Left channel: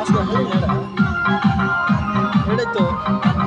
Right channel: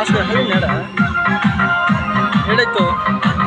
না খালি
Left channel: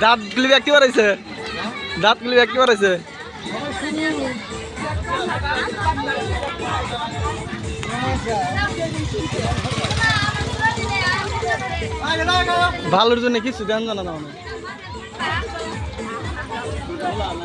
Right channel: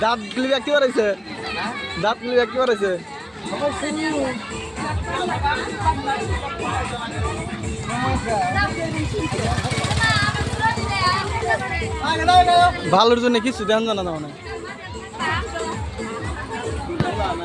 দাঁত গুলি একটি বাড়াইছে দাঁত গুলি একটি বাড়াইছে ভালোর জন্য কিছু দেন জানা না মানে।